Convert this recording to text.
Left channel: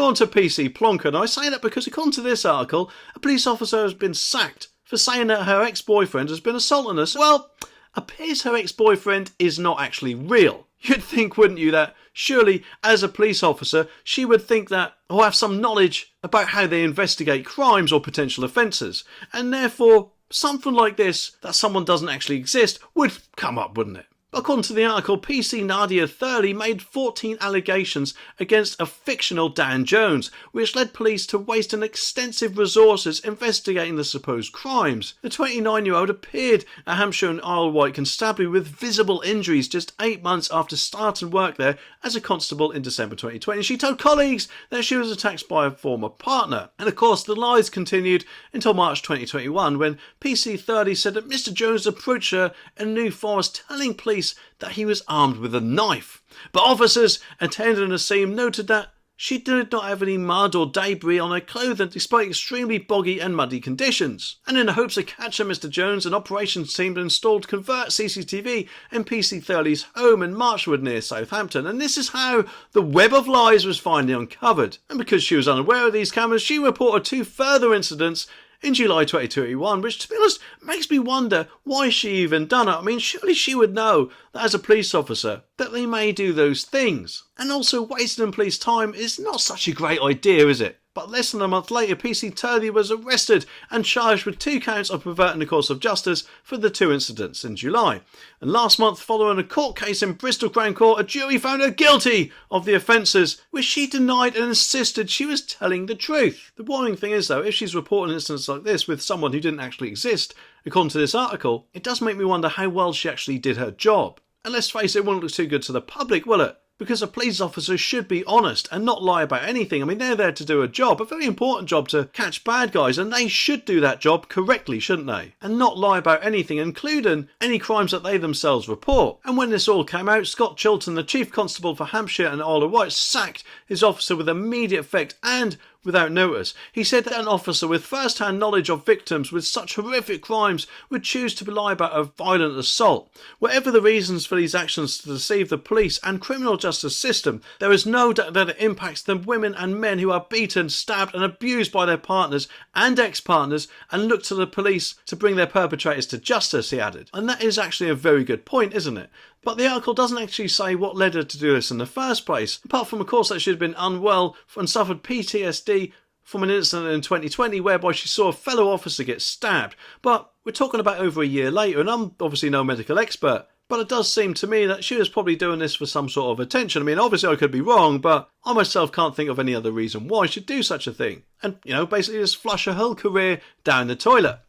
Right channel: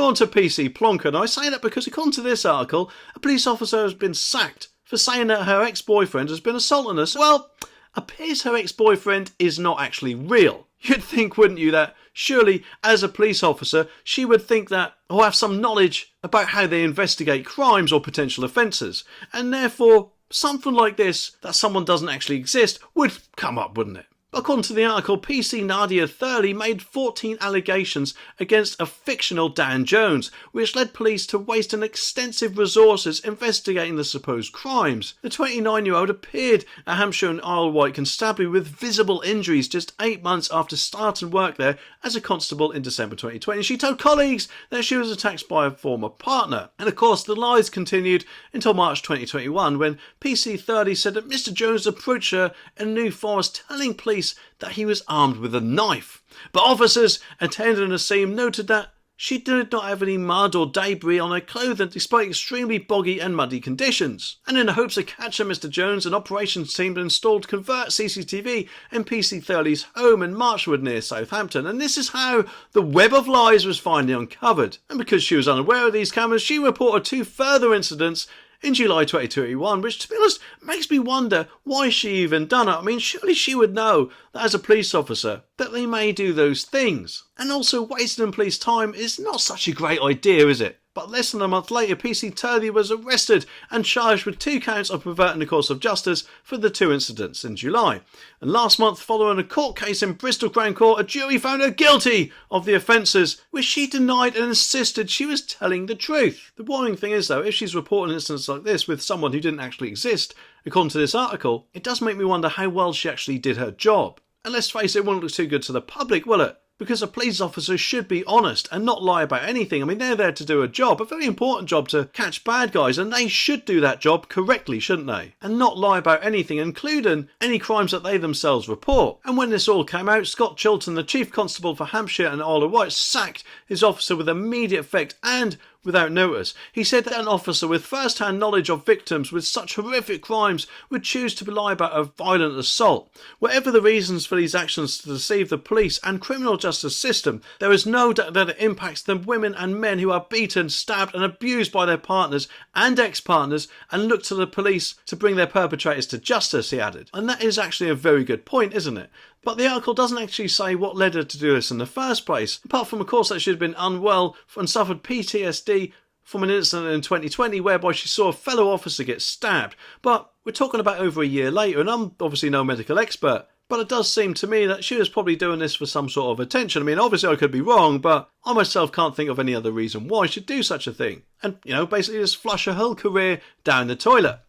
Now on to PC Plonker, and I say that because according to this article, a police officer has been sacked for saying that her ex-boyfriend has been assaulting her. Well, appears her ex-boyfriend is not actually real. You'd think, wouldn't you, that surely as a police officer she would think that, or have some knowledge about how they investigate crimes or potential offences, and therefore something like this, that someone doesn't actually exist, would come up, wouldn't it? According to the article, PC Nadia Thurley made 14 allegations against a fictional Dan Jones, which led police to waste an extensive resources investigating the supposed crimes. The 29-year-old appeared at Hampshire and Isle of Wight Constabulary with visible injuries just 8 months after starting work there as a constable in December 2020. She told colleagues that she was attacked by a former partner. And of course, the lies continued until March 2021, when PC Thurley said that Mr. Jones approached her in New Forest, telling police that he was armed with a knife. But officers attending the scene noted that she did not have any mud or debris on her clothing despite extremely boggy and muddy conditions. And in the hopes of catching Mr. Jones, an operations team installed covert CCTV in PC Thurley's home in Marchwood near Southampton, and this is how the web of lies was finally uncovered. And because she was unaware of these cameras, she reported 2 further incidents in July 2021, which, to be honest, makes me wonder why she even done it. I mean, surely she would know that as a police officer that they may do those things. And also, wasting police time is not such a great idea, is it? But less than a month later, PC Thurley was arrested and charged with 2 counts of perverting the course of justice for the 2 incidents in July. And last month, following a court case in Bristol Crown Court, a jury found her guilty of the offences, which she denied and insisted she was telling the truth. The worrying thing is, though, if she's reporting incidents like this with someone who didn't actually exist, according to this article, it does make me wonder how well she actually did her job. And let's face it, it won't look too good to the public, will it? Because a police officer should be honest and not lie about anything. I mean, they're there to do a job, a very important job, to catch bad guys, and they should do that job correctly, shouldn't they? And not lie about anything, including any crimes that they themselves report. And when this all came out, Scott Chilton, the Chief Constable for Hampshire and Isle of Wight, sacked his officer with immediate effect and without notice. He said that an officer with first-hand knowledge of victims with such horrific crimes would choose to lie about a violent assault. Whatever the reasons for these actions to deceive the police and criminal justice system, there is no doubt that it impacts the women and men who are beaten, stabbed and abused by their partners and ex-partners and look to the police to bring their perpetrators to justice, he added. And that is actually a very good point, isn't it? But the article doesn't actually say what led her to do this in the first place, apart from, of course, that she had been unwell and suffered PTSD from an incident in 2020 whereby she saw a fellow officer get stabbed. But we're talking about over a year later, and I'm obviously no medical expert, but it does seem to me that she was probably doing this for some sort of attention. I mean, obviously I could be wrong, but I myself can't think of any other reason why she'd do such a thing. And, basically just flush her whole career down the toilet.